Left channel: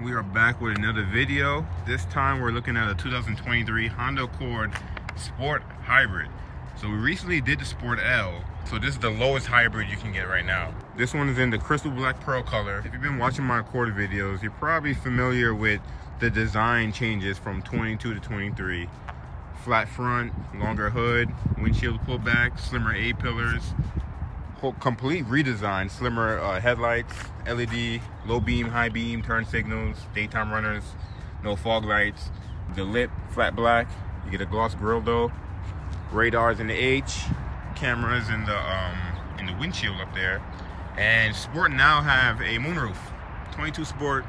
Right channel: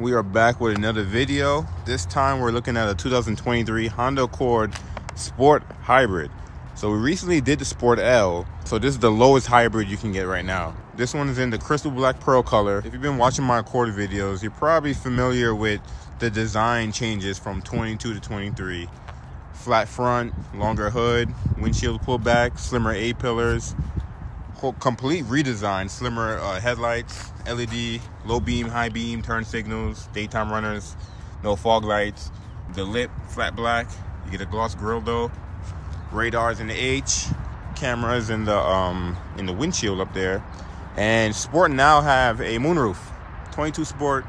We are back with another video. This time we're looking at a 2023 Honda Accord Sport Hybrid. So we recently did the Sport L, so this is the lowest hybrid you can get right now. This one is in the crystal black pearl color. If you've been watching my Accord videos, you're probably familiar with the design changes from 22 to 23. Flat front, longer hood, windshield pullback, slimmer A-pillars, complete redesign, slimmer headlights, LED, low beam, high beam, turn signals, daytime runners, no fog lights, the lip, flat black. You get a gloss grille though, radars in the H, cameras in the windshield up there. And Sport now have a moonroof. 22 Sport,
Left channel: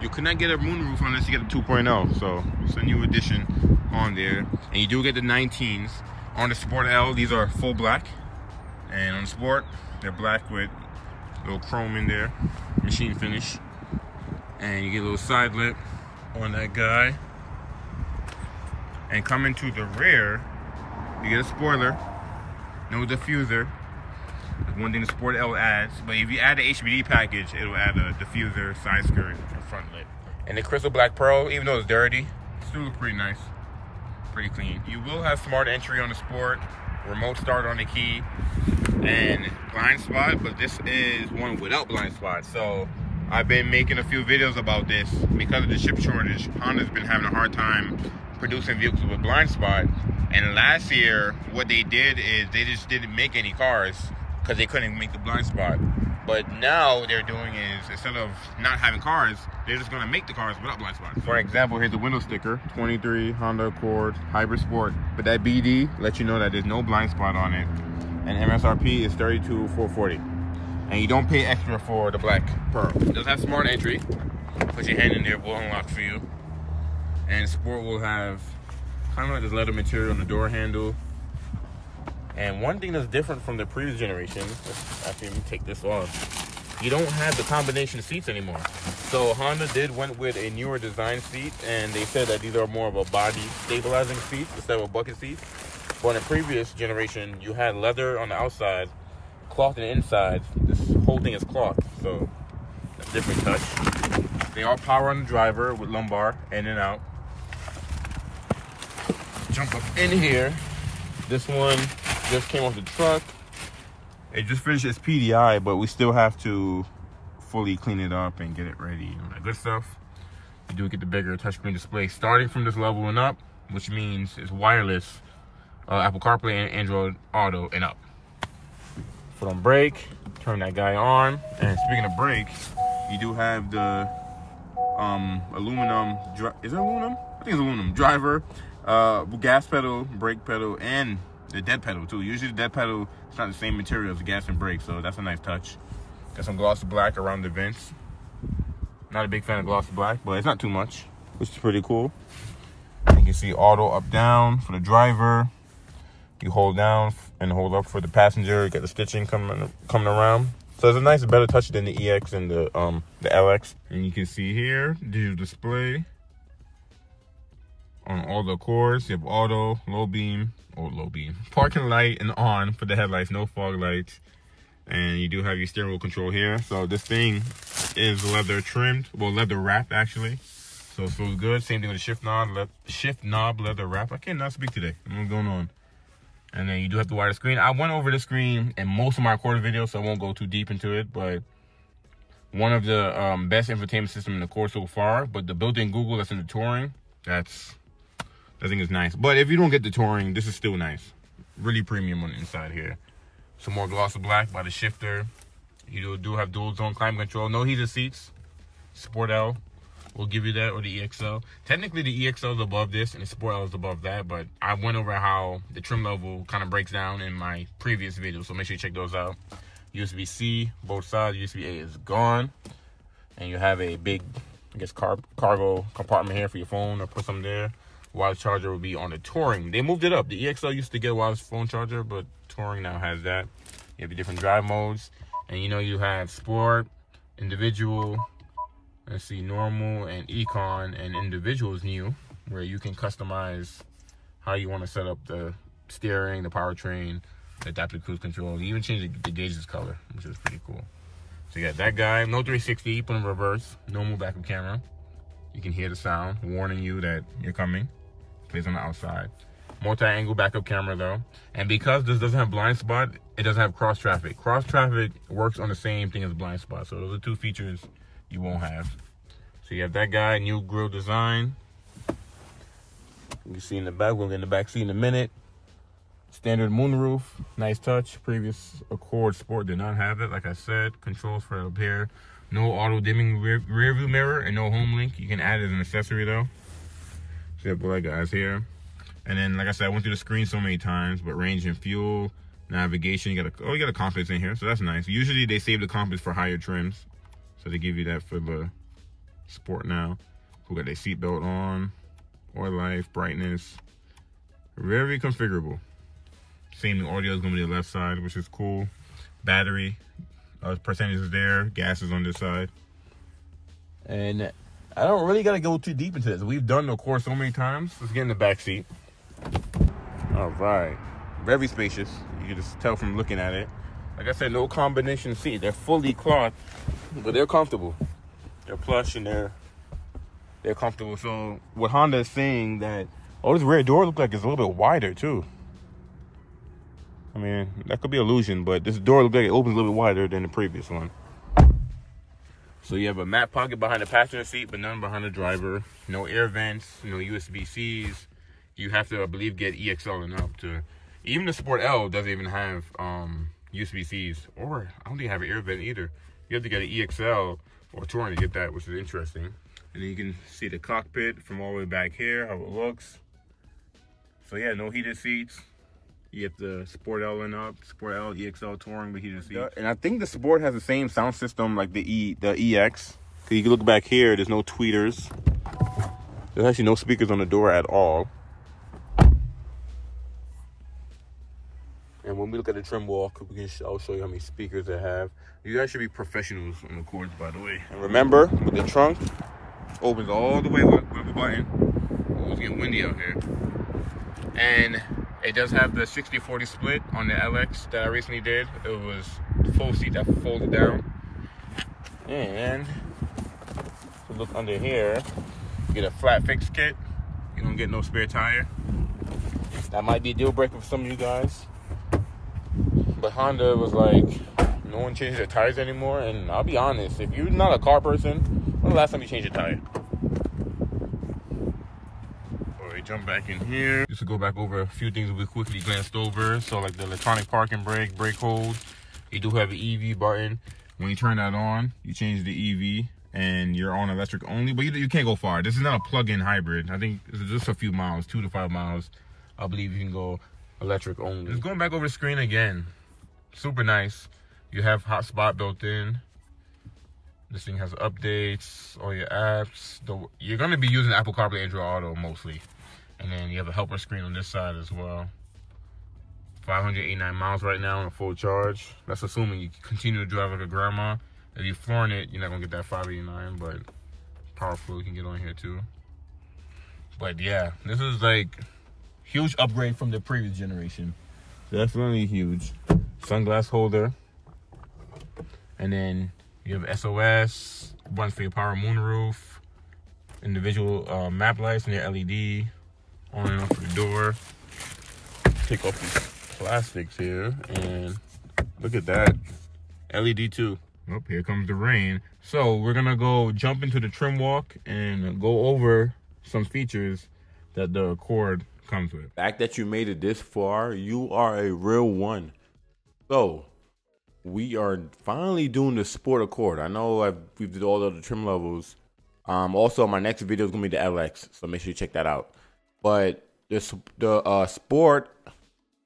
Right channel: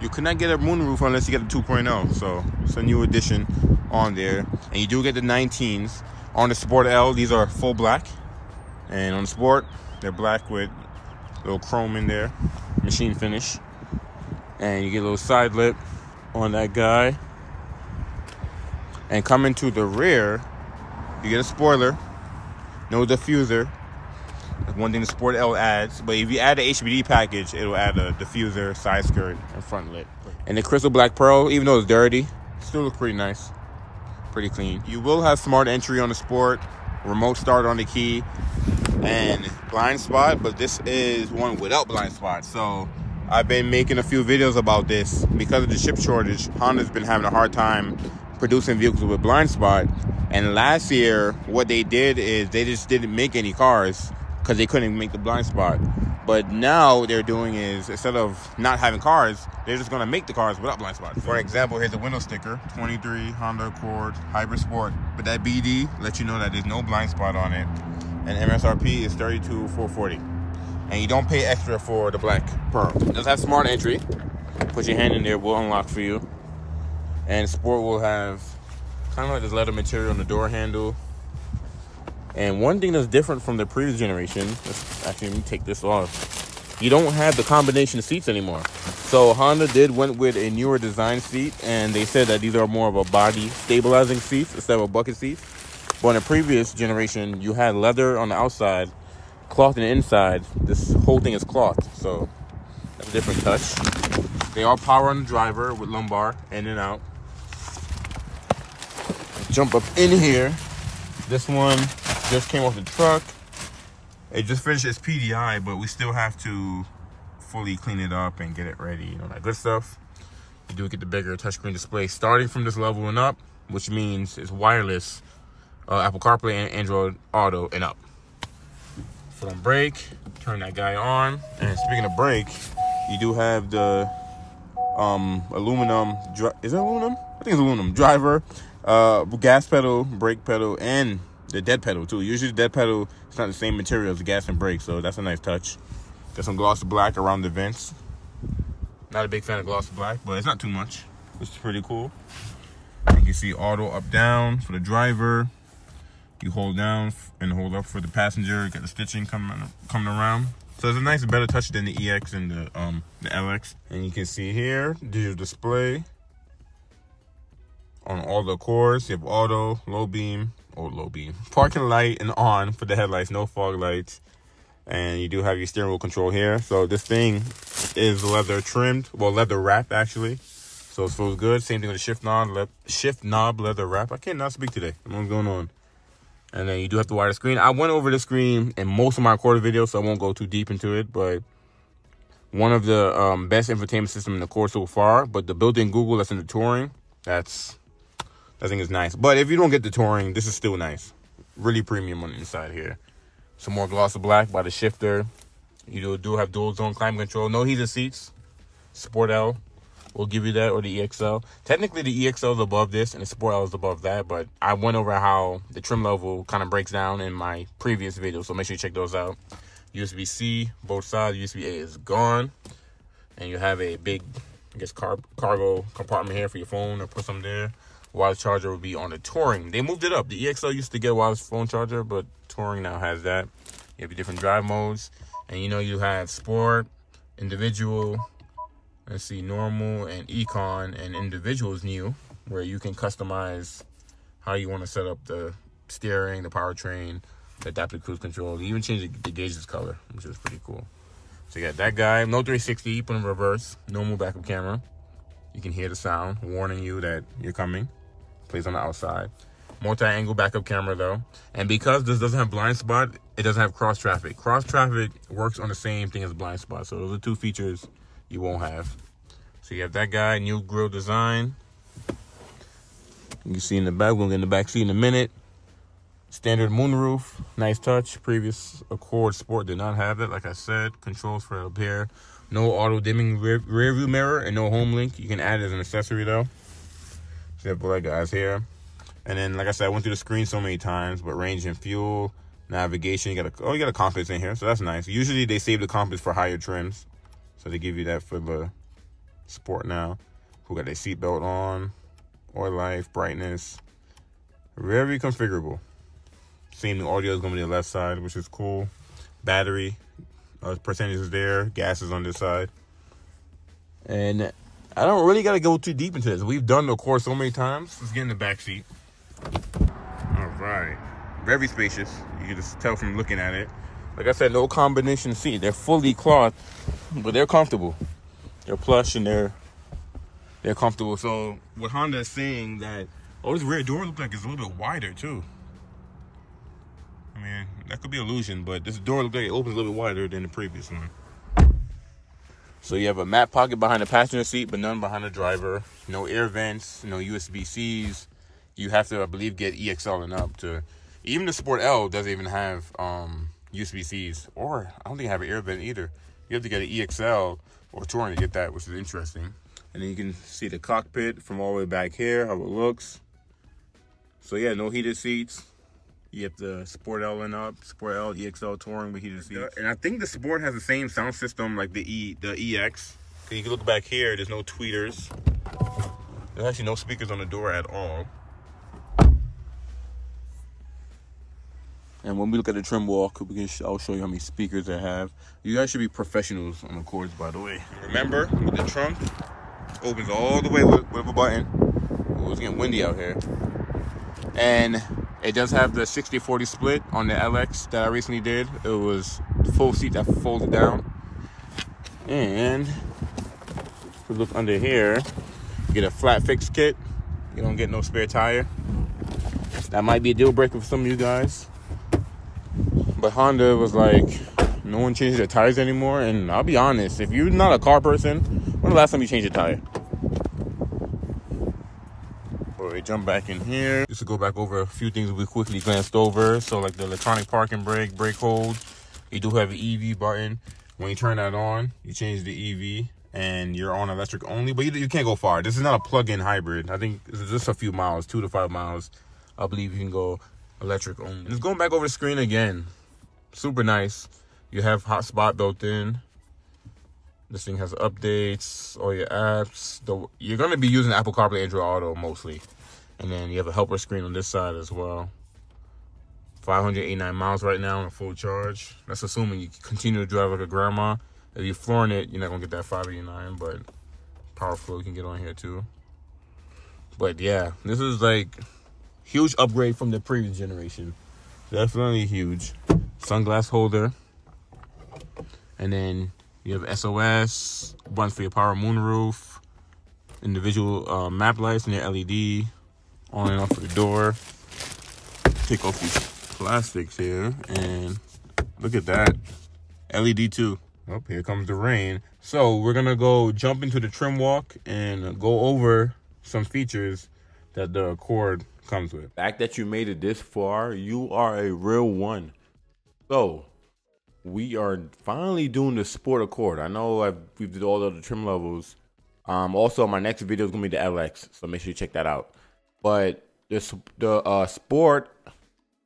you cannot get a moonroof unless you get a 2.0, so it's a new addition on there. And you do get the 19s. On the Sport L, these are full black. And on the Sport, they're black with a little chrome in there, machine finish. And you get a little side lip on that guy. And coming to the rear, you get a spoiler, no diffuser. That's one thing the Sport L adds. But if you add the HBD package, it'll add a diffuser, side skirt, and front lip. And the crystal black pearl, even though it's dirty, it still looks pretty nice, pretty clean. You will have smart entry on the Sport, remote start on the key, and blind spot, but this is one without blind spot. So I've been making a few videos about this. Because of the chip shortage, Honda's been having a hard time producing vehicles with blind spot. And last year, what they did is they just didn't make any cars because they couldn't make the blind spot. But now what they're doing is, instead of not having cars, they're just gonna make the cars without blind spots. For example, here's the window sticker, 23 Honda Accord Hybrid Sport. But that BD lets you know that there's no blind spot on it. And MSRP is $32,440. And you don't pay extra for the black pearl. It does have smart entry. Put your hand in there, we'll unlock for you. And Sport will have kind of like this leather material on the door handle. And one thing that's different from the previous generation, actually let me take this off, you don't have the combination of seats anymore. So Honda went with a newer design seat, and they said that these are more of a body stabilizing seats instead of a bucket seat. But in the previous generation, you had leather on the outside, cloth on the inside. This whole thing is cloth, so that's a different touch. They all power on the driver with lumbar, in and out. Jump up in here. This one just came off the truck. It just finished its PDI, but we still have to fully clean it up and get it ready, you know, that good stuff. You do get the bigger touchscreen display starting from this level and up, which means it's wireless, Apple CarPlay and Android Auto and up. Foot on brake, turn that guy on. And speaking of brake, you do have the aluminum, is it aluminum? I think it's aluminum. Driver, gas pedal, brake pedal, and the dead pedal too. Usually the dead pedal, it's not the same material as the gas and brake, so that's a nice touch. Got some gloss black around the vents. Not a big fan of gloss black, but it's not too much, which is pretty cool. You can see auto up down for the driver. You hold down and hold up for the passenger. You got the stitching coming around. So it's a nice, better touch than the EX and the LX. And you can see here, digital display on all the Accords. You have auto, low beam, parking light and on for the headlights, no fog lights. And you do have your steering wheel control here. So this thing is leather trimmed, well, leather wrapped actually. So it feels good. Same thing with the shift knob leather wrap. I cannot speak today. I don't know what's going on. And then you do have the wider screen. I went over the screen in most of my Accord videos, so I won't go too deep into it. But one of the best infotainment system in the Accord so far. But the built-in Google that's in the Touring, that thing is nice. But if you don't get the Touring, this is still nice. Really premium on the inside here. Some more gloss black by the shifter. You do have dual zone climate control. No heated seats. Sport L will give you that, or the EXL. Technically, the EXL is above this, and the Sport L is above that, but I went over how the trim level kind of breaks down in my previous video, so make sure you check those out. USB-C, both sides. USB-A is gone, and you have a big, I guess, cargo compartment here for your phone, or put some there. Wireless charger will be on the Touring. They moved it up. The EXL used to get a wireless phone charger, but Touring now has that. You have your different drive modes, and you know you have Sport, Individual, let's see, normal, and econ, and individual is new, where you can customize how you want to set up the steering, the powertrain, the adaptive cruise control. You even change the gauge's color, which is pretty cool. So you got that guy, no 360, put in reverse, normal backup camera, You can hear the sound warning you that you're coming. Plays on the outside. Multi-angle backup camera though. And because this doesn't have blind spot, it doesn't have cross traffic. Cross traffic works on the same thing as blind spot. So those are two features you won't have. So you have that guy, new grille design. You can see in the back, we're gonna get in the back seat in a minute. Standard moonroof, nice touch. Previous Accord Sport did not have it, like I said. Controls for up here. No auto dimming rear view mirror and no home link. You can add it as an accessory though. So you have black guys here. And then, like I said, I went through the screen so many times, but range and fuel, navigation, you got a compass in here, so that's nice. Usually they save the compass for higher trims. So they give you that for the Sport now. We got their seatbelt on, oil life, brightness. Very configurable. Same audio is going to be the left side, which is cool. Battery percentage is there. Gas is on this side. And I don't really got to go too deep into this. We've done the Accord so many times. Let's get in the back seat. All right. Very spacious. You can just tell from looking at it. Like I said, no combination seat. They're fully cloth, but they're comfortable. They're plush and they're comfortable. So what Honda is saying that, oh, this rear door looks like it's a little bit wider too. I mean, that could be illusion, but this door looks like it opens a little bit wider than the previous one. So you have a mat pocket behind the passenger seat, but none behind the driver. No air vents, no USB-Cs. You have to, I believe, get EXL and up to. Even the Sport L doesn't even have USB-Cs, or I don't think I have an air vent either. You have to get an EXL or Touring to get that, which is interesting. And then you can see the cockpit from all the way back here, how it looks. So yeah, no heated seats. You have the Sport L and up, Sport L, EXL Touring with heated seats. And I think the Sport has the same sound system like the EX. You can look back here, there's no tweeters. There's actually no speakers on the door at all. And when we look at the trim walk, I'll show you how many speakers they have. You guys should be professionals on the Accords, by the way. Remember, with the trunk, opens all the way with a button. It's getting windy out here. And it does have the 60-40 split on the LX that I recently did. It was full seat that folds down. And if you look under here, you get a flat fix kit. You don't get no spare tire. That might be a deal breaker for some of you guys. But Honda was like, no one changes their tires anymore. And I'll be honest, if you're not a car person, when's the last time you changed your tire? They jump back in here. Just to go back over a few things that we quickly glanced over. So like the electronic parking brake hold. You do have an EV button. When you turn that on, you change the EV and you're on electric only, but you can't go far. This is not a plug-in hybrid. I think this is just a few miles, 2 to 5 miles. I believe you can go electric only. Just going back over the screen again. Super nice. You have hotspot built in. This thing has updates, all your apps. You're gonna be using Apple CarPlay, Android Auto mostly. And then you have a helper screen on this side as well. 589 miles right now on a full charge. That's assuming you continue to drive like a grandma. If you're flooring it, you're not gonna get that 589, but power flow you can get on here too. But yeah, this is like huge upgrade from the previous generation. Definitely huge. Sunglass holder. And then you have SOS, buttons for your power moonroof, individual map lights and your LED. On and off of the door. Take off these plastics here, and look at that. LED too. Oh, here comes the rain. So we're gonna go jump into the trim walk and go over some features that the Accord comes with. The fact that you made it this far, you are a real one. So we are finally doing the Sport Accord. I know we did all the other trim levels. Also, my next video is gonna be the LX, so make sure you check that out. But the Sport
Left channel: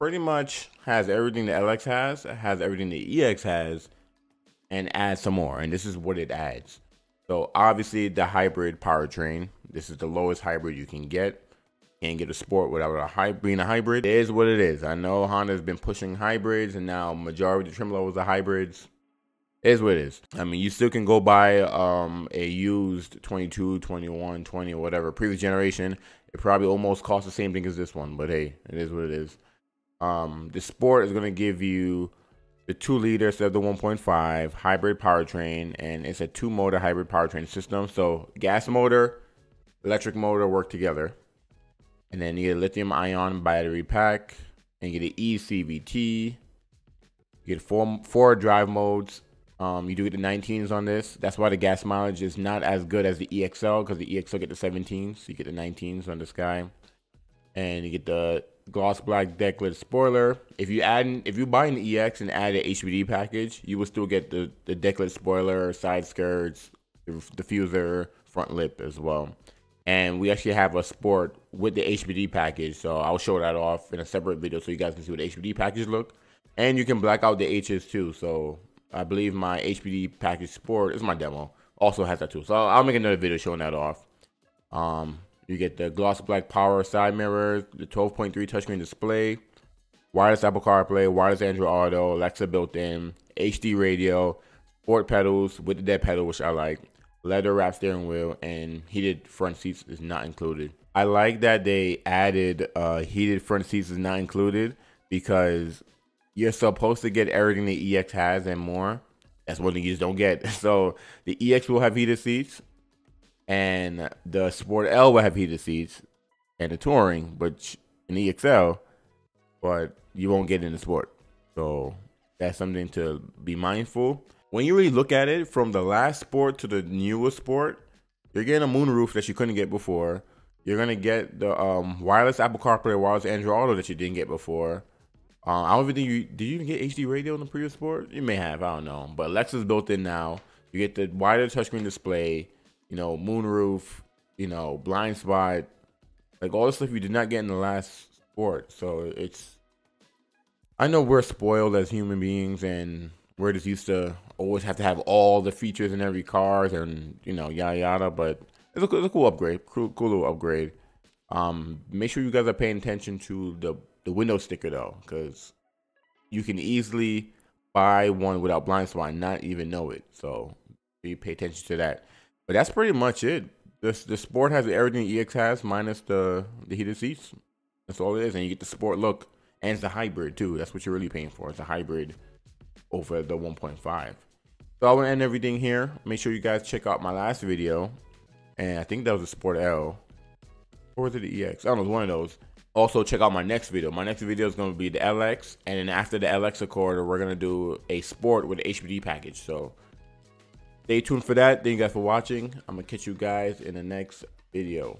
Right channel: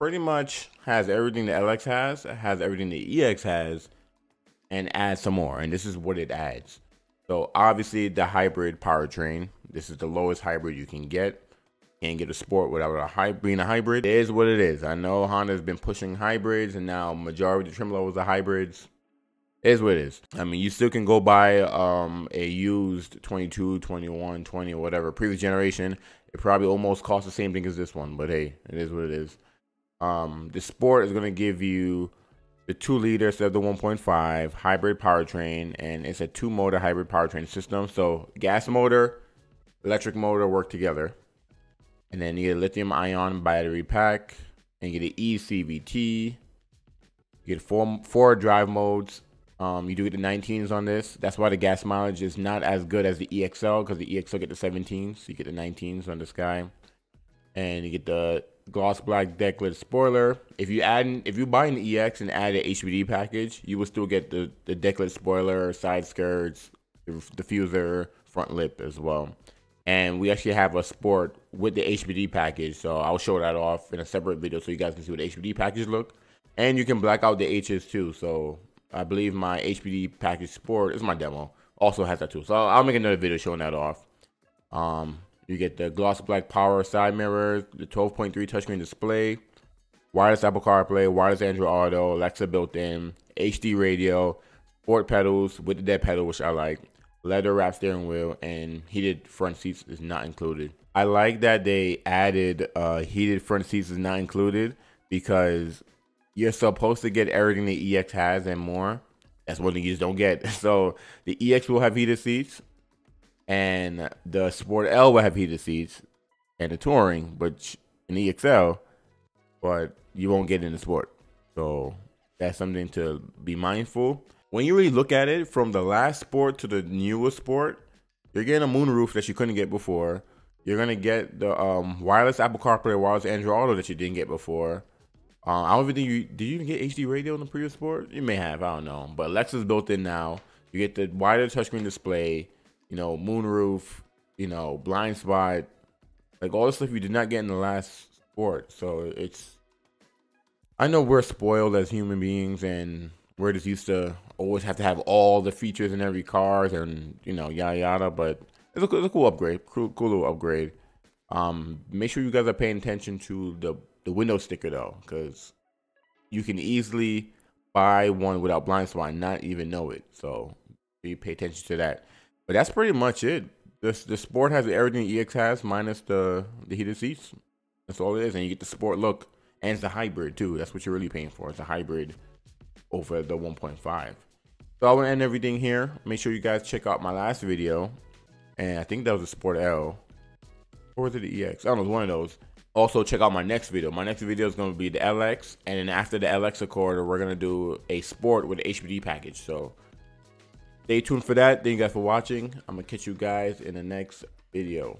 pretty much has everything the LX has everything the EX has, and adds some more. And this is what it adds. So obviously the hybrid powertrain. This is the lowest hybrid you can get. Can't get a Sport without being a hybrid. It is what it is. I know Honda's been pushing hybrids, and now majority of the trim levels are hybrids. It is what it is. I mean, you still can go buy a used 22, 21, 20, or whatever previous generation. It probably almost costs the same thing as this one, but hey, it is what it is. The Sport is going to give you the 2-liter instead of the 1.5 hybrid powertrain, and it's a 2-motor hybrid powertrain system. So gas motor electric motor work together. And then you get a lithium ion battery pack, and you get an eCVT. You get four drive modes. You do get the 19s on this. That's why the gas mileage is not as good as the EXL, because the EXL get the 17s. So you get the 19s on this guy. And you get the gloss black decklit spoiler. If you buy an EX and add an HBD package, you will still get the decklit spoiler, side skirts, the diffuser, front lip as well. And we actually have a sport with the HBD package, so I'll show that off in a separate video so you guys can see what the HBD package look. And you can black out the H's too. So I believe my HBD package sport is my demo. Also has that too. So I'll make another video showing that off. You get the gloss black power side mirrors, the 12.3 touchscreen display, wireless Apple CarPlay, wireless Android Auto, Alexa built in, HD radio, sport pedals with the dead pedal, which I like, leather wrap steering wheel, and heated front seats is not included. I like that they added heated front seats is not included, because you're supposed to get everything the EX has and more. That's one thing you just don't get. So the EX will have heated seats, and the Sport L will have heated seats, and the Touring, but in the EXL, but you won't get in the Sport. So that's something to be mindful. When you really look at it, from the last Sport to the newest Sport, you're getting a moonroof that you couldn't get before. You're gonna get the wireless Apple CarPlay, wireless Android Auto that you didn't get before. I don't even think did you even get HD radio in the previous Sport? You may have, I don't know. But Alexa's built in now. You get the wider touchscreen display, you know, moonroof, you know, blind spot, like all the stuff you did not get in the last Sport. So I know we're spoiled as human beings, and we're just used to always have to have all the features in every car, and you know, yada yada. But it's a cool upgrade, cool little upgrade. Make sure you guys are paying attention to the window sticker though, because you can easily buy one without blind spot and not even know it. So you pay attention to that. But that's pretty much it. The Sport has everything the EX has minus the heated seats. That's all it is, and you get the Sport look, and it's a hybrid too. That's what you're really paying for. It's a hybrid over the 1.5. So I want to end everything here. Make sure you guys check out my last video, and I think that was the Sport L, or was it the EX? I don't know, it was one of those. Also, check out my next video. My next video is going to be the LX, and then after the LX Accord, we're going to do a Sport with the HBD package. So stay tuned for that. Thank you guys for watching. I'm going to catch you guys in the next video.